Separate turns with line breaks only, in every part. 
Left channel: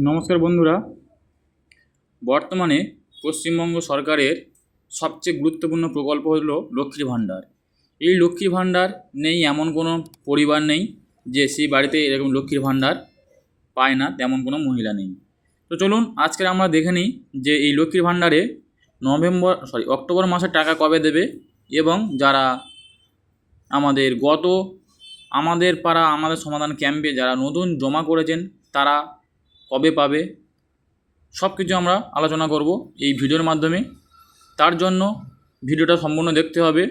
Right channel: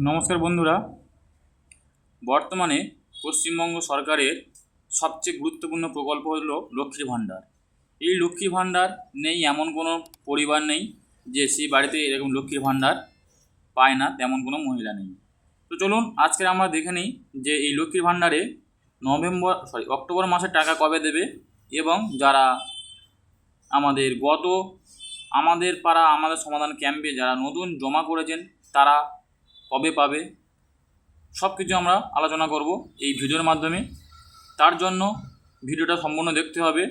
নমস্কার বন্ধুরা। বর্তমানে পশ্চিমবঙ্গ সরকারের সবচেয়ে গুরুত্বপূর্ণ প্রকল্প হল লক্ষ্মীর ভাণ্ডার। এই লক্ষ্মীর ভাণ্ডার নেই, এমন কোনো পরিবার নেই যে সেই বাড়িতে এরকম লক্ষ্মীর ভাণ্ডার পায় না, তেমন কোনো মহিলা নেই। তো চলুন আজকে আমরা দেখে নিই যে এই লক্ষ্মীর ভাণ্ডারে নভেম্বর সরি অক্টোবর মাসে টাকা কবে দেবে এবং যারা আমাদের গত, আমাদের পাড়া, আমাদের সমাধান ক্যাম্পে যারা নতুন জমা করেছেন, তারা কবে পাবে সব কিছু আমরা আলোচনা করব এই ভিডিওর মাধ্যমে। তার জন্য ভিডিওটা সম্পূর্ণ দেখতে হবে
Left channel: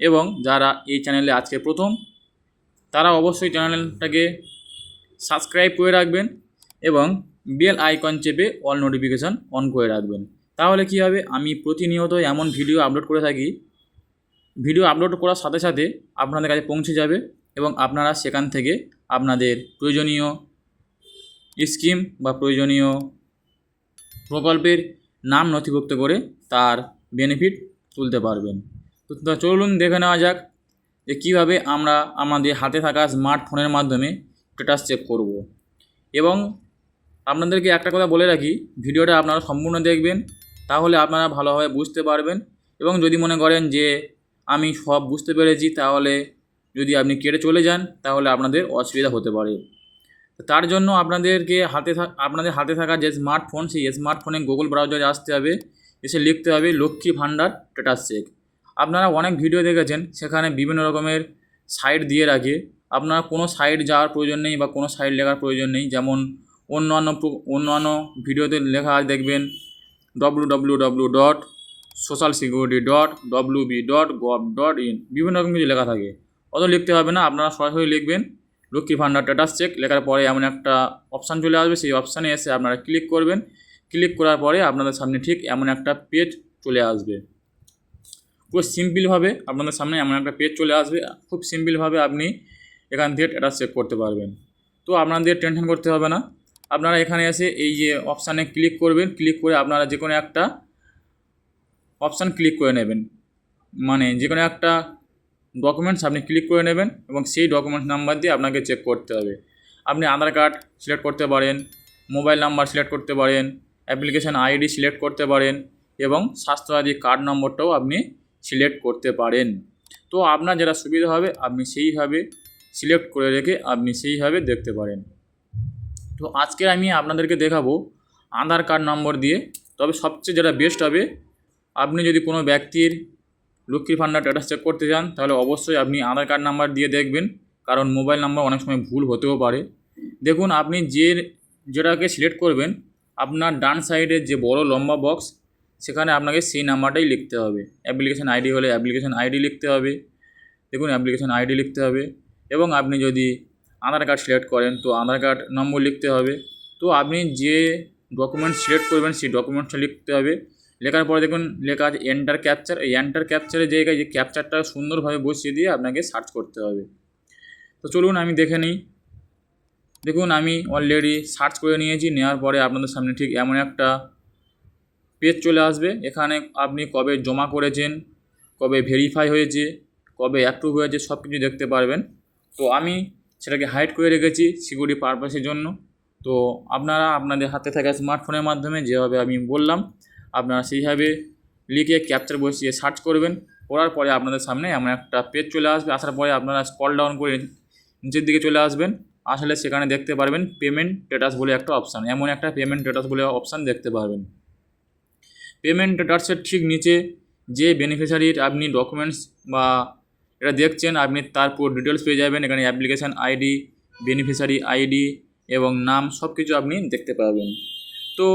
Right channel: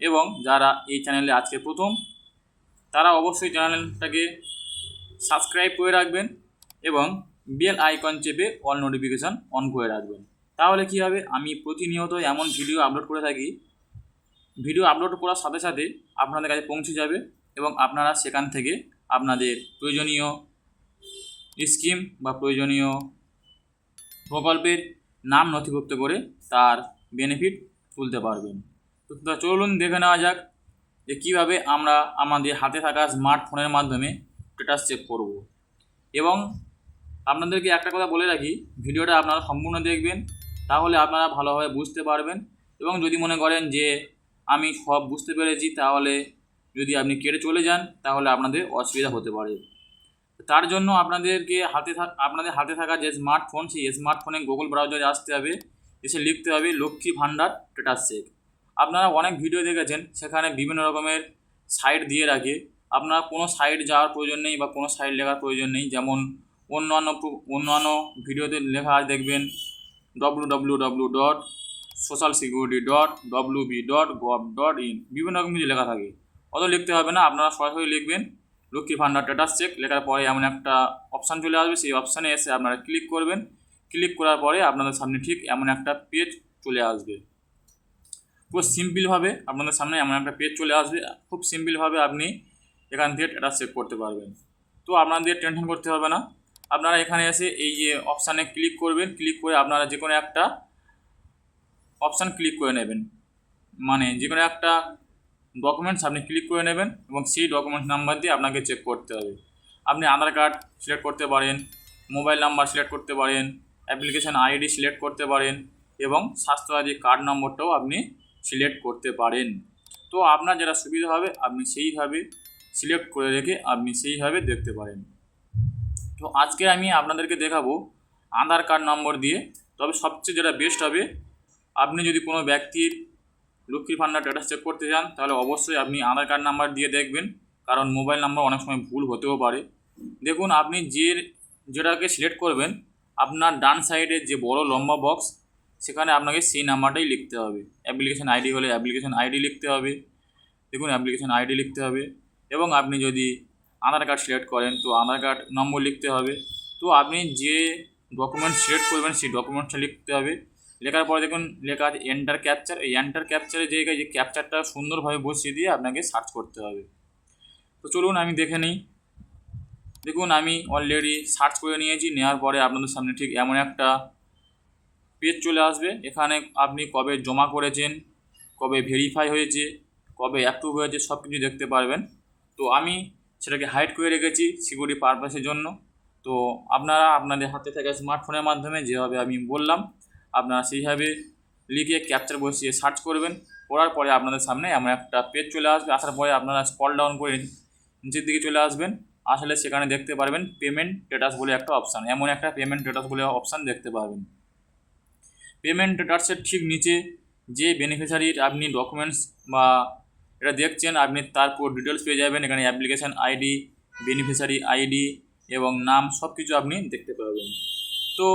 এবং যারা এই চ্যানেলে আজকে প্রথম, তারা অবশ্যই চ্যানেলটাকে সাবস্ক্রাইব করে রাখবেন এবং বেল আইকন চেপে অল নোটিফিকেশান অন করে রাখবেন। তাহলে কী হবে? আমি প্রতিনিয়ত এমন ভিডিও আপলোড করে থাকি। ভিডিও আপলোড করার সাথে সাথে আপনাদের কাছে পৌঁছে যাবে এবং আপনারা সেখান থেকে আপনাদের প্রয়োজনীয় স্কিম বা প্রয়োজনীয় প্রকল্পের নাম নথিভুক্ত করে তার বেনিফিট তুলতে পারবেন। তো চলুন দেখে নেওয়া যাক যে কীভাবে আমরা আমাদের হাতে থাকা স্মার্টফোনের মাধ্যমে স্ট্যাটাস চেক করব। এবং আপনাদেরকে একটা কথা বলে রাখি, ভিডিওটা আপনারা সম্পূর্ণ দেখবেন, তাহলে আপনারা ভালোভাবে বুঝতে পারবেন এবং যদি মনে করেন যে আমি সব বুঝতে পেরেছি, তাহলে যদি আপনি কেটে চলে যান, তাহলে আপনাদের অসুবিধা হতে পারে। তার জন্য আপনাদেরকে হাতে আপনাদের হাতে থাকা যে স্মার্টফোন সেই স্মার্টফোনে গুগল ব্রাউজারে আসতে হবে। এসে লিখতে হবে লক্ষ্মী ভাণ্ডার স্ট্যাটাস চেক আপনারা অনেক ভিডিও দেখেছেন, সেখানে বিভিন্ন রকমের সাইট দিয়ে রাখে। আপনার কোনো সাইট যাওয়ার প্রয়োজন নেই বা কোনো সাইট লেখার প্রয়োজন নেই। যেমন অন্যান্য অন্যান্য ভিডিওতে লেখা দেখবেন W W W dot social security dot W B dot gov dot in বিভিন্ন রকম কিছু লেখা থাকে অত লিখতে হবে না আপনারা সরাসরি লিখবেন লক্ষ্মী ভাণ্ডার স্ট্যাটাস চেক লেখার পরে এমন একটা অপশান চলে আসবে, সেই অপশানে এসে আপনারা ক্লিক করবেন। ক্লিক করার পরে আপনাদের সামনে ঠিক এমন একটা পেজ চলে আসবে। পুরো সিম্পলভাবে আপনাদের সামনে এমন একটা পেজ চলে আসবে। খুব সিম্পলভাবে আপনি এখান থেকে স্ট্যাটাস চেক করতে পারবেন। তো আপনাদের টেনশন করতে হবে না। আপনারা এখানে এসে এই যে অপশানে ক্লিক করবেন ক্লিক করে আপনারা যে কোনো একটা অপশান ক্লিক করে নেবেন। মানে যে কোনো একটা ডকুমেন্টস আপনি ক্লিক করে নেবেন এবং সেই ডকুমেন্টস নাম্বার দিয়ে আপনাকে চেক করতে হবে। আপনি আধার কার্ড সিলেক্ট করতে পারেন মোবাইল নাম্বার সিলেক্ট করতে পারেন অ্যাপ্লিকেশান আইডি সিলেক্ট করতে পারেন এবং স্বাস্থ্যসাথী কার্ড নম্বরটাও আপনি সিলেক্ট করতে পারেন। তো আপনার যেটা সুবিধা হবে, আপনি সেইভাবে সিলেক্ট করে রেখে আপনি সেইভাবে দেখতে পারেন। তো আজকে আমি আপনাদেরকে দেখাবো আধার কার্ড নম্বর দিয়ে, তবে সবচেয়ে যেটা বেস্ট হবে, আপনি যদি কোনো ব্যক্তির লক্ষ্মীর ভান্ডার স্ট্যাটাস চেক করতে চান তাহলে অবশ্যই আপনি আধার কার্ড নাম্বার দিয়ে দেখবেন, কারণ মোবাইল নাম্বার অনেক সময় ভুল হতেও পারে। দেখুন, আপনি যে যেটাকে সিলেক্ট করবেন, আপনার ডান সাইডের যে বড় লম্বা বক্স সেখানে আপনাকে সেই নাম্বারটাই লিখতে হবে। অ্যাপ্লিকেশান আইডি হলে অ্যাপ্লিকেশান আইডি লিখতে হবে। দেখুন অ্যাপ্লিকেশান আইডি লিখতে হবে। এবং আপনি যদি আধার কার্ড সিলেক্ট করেন, তো আধার কার্ড নম্বর লিখতে হবে। তো আপনি যে ডকুমেন্ট সিলেক্ট করবেন, সেই ডকুমেন্টসটা লিখতে হবে। লেখার পরে দেখুন, লেখা আছে এন্টার ক্যাপচার এই এন্টার ক্যাপচারের জায়গায় যে ক্যাপচারটা সুন্দরভাবে বসিয়ে দিয়ে আপনাকে সার্চ করতে হবে। তো চলুন আমি দেখে নিই। দেখুন, আমি অলরেডি সার্চ করে নিয়েছি, নেওয়ার পরে আপনাদের সামনে ঠিক এমন একটা পেজ চলে আসবে। এখানে আপনি কবে জমা করেছেন, কবে ভেরিফাই হয়েছে, কবে অ্যাপ্রুভ হয়েছে সব কিছু দেখতে পারবেন। তো আমি সেটাকে হাইড করে রেখেছি সিকিউরিটি পারপাসের জন্য। তো আপনারা আপনাদের হাতে থাকা স্মার্টফোনের মাধ্যমে যেভাবে আমি বললাম আপনারা সেইভাবে লিখে ক্যাপচার বসিয়ে সার্চ করবেন, করার পরে আপনাদের সামনে এমন একটা পেজ চলে আসবে। আসার পরে আপনারা স্কল ডাউন করে নিচের দিকে চলে আসবেন। আসলে সেখানে দেখতে পারবেন পেমেন্ট স্ট্যাটাস বলে একটা অপশান এমন একটা পেমেন্ট স্ট্যাটাস বলে অপশান দেখতে পারবেন। পেমেন্ট স্ট্যাটাসের ঠিক নিচে যে বেনিফিশিয়ারির আপনি ডকুমেন্টস বা এটা দেখছেন, আপনি তার পুরো ডিটেলস পেয়ে যাবেন। এখানে অ্যাপ্লিকেশান আইডি বেনিফিশিয়ারি আইডি এবং নাম সব কিছু আপনি দেখতে পাবেন তো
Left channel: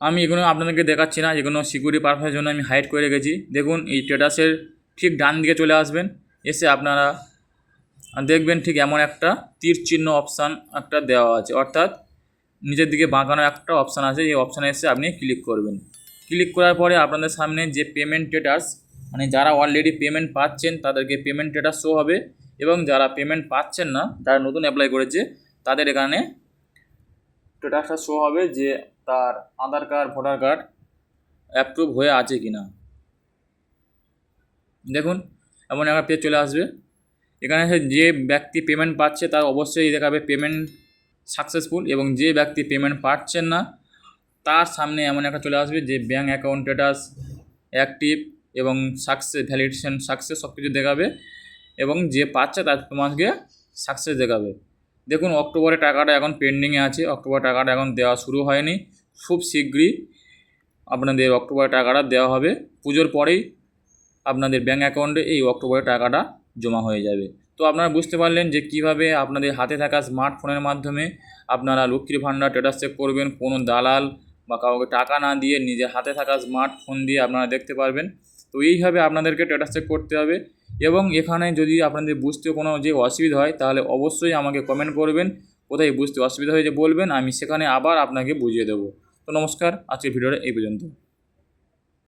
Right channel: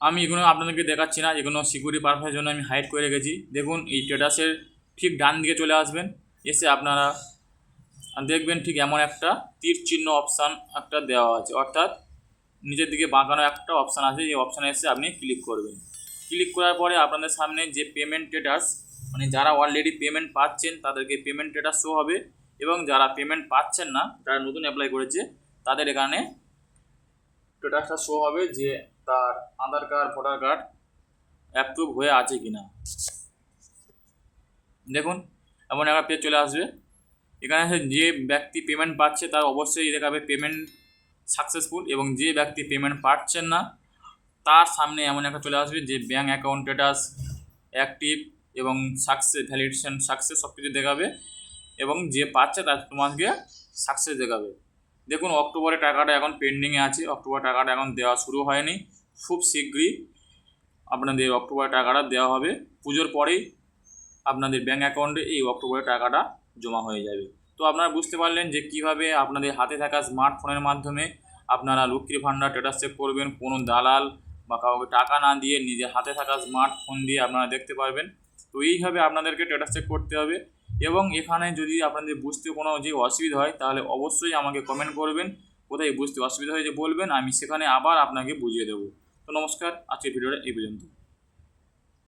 আমি এগুলো আপনাদেরকে দেখাচ্ছি না, এগুলো সিকিউরিটি পারপাসের জন্য আমি হাইড করে রেখেছি। দেখুন, এই স্ট্যাটাসের ঠিক ডান দিকে চলে আসবেন, এসে আপনারা দেখবেন ঠিক এমন একটা তীর চিহ্ন অপশান একটা দেওয়া আছে। অর্থাৎ নিজের দিকে বাঁকানো একটা অপশান আছে, এই অপশানে এসে আপনি ক্লিক করবেন। ক্লিক করার পরে আপনাদের সামনে যে পেমেন্ট স্ট্যাটাস মানে যারা অলরেডি পেমেন্ট পাচ্ছেন, তাদেরকে পেমেন্ট স্ট্যাটাস শো হবে এবং যারা পেমেন্ট পাচ্ছেন না, যারা নতুন অ্যাপ্লাই করেছে, তাদের এখানে স্ট্যাটাসটা শো হবে যে তার Aadhaar card, voter card approve হয়ে আছে কি না দেখুন, এমন একটা পেজ চলে আসবে। এখানে যে ব্যক্তি পেমেন্ট পাচ্ছে, তার অবশ্যই দেখাবে পেমেন্ট সাকসেসফুল এবং যে ব্যক্তি পেমেন্ট পাচ্ছেন না, তার সামনে এমন একটা চলে আসবে যে ব্যাঙ্ক অ্যাকাউন্ট স্ট্যাটাস অ্যাক্টিভ এবং সাকসেস ভ্যালিডেশন সাকসেস সব কিছু দেখাবে এবং যে পাচ্ছে, তার তোমাকে সাকসেস দেখাবে। দেখুন, অক্টোবরে টাকাটা এখন পেন্ডিংয়ে আছে। অক্টোবর টাকাটা এখন দেওয়া শুরু হয়নি। খুব শীঘ্রই আপনাদের অক্টোবরে টাকাটা দেওয়া হবে। পুজোর পরেই আপনাদের ব্যাঙ্ক অ্যাকাউন্টে এই অক্টোবরে টাকাটা জমা হয়ে যাবে। তো আপনারা বুঝতে পারলেন যে কীভাবে আপনাদের হাতে থাকা স্মার্টফোনের মাধ্যমে আপনারা লক্ষ্মীর ভাণ্ডার স্ট্যাটাস চেক করবেন, কোনো দালাল বা কাউকে টাকা না দিয়ে নিজের হাতে থাকা স্মার্টফোন দিয়ে আপনারা দেখতে পারবেন। তো এইভাবে আপনাদেরকে স্ট্যাটাস চেক করতে হবে। এবং এখানে যদি আপনাদের বুঝতে কোনো যে অসুবিধা হয়, তাহলে অবশ্যই আমাকে কমেন্ট করবেন। কোথায় বুঝতে অসুবিধা হয়েছে বলবেন, আমি সেখানে আবার আপনাকে বুঝিয়ে দেবো। তো নমস্কার, আজকের ভিডিওটা এই পর্যন্ত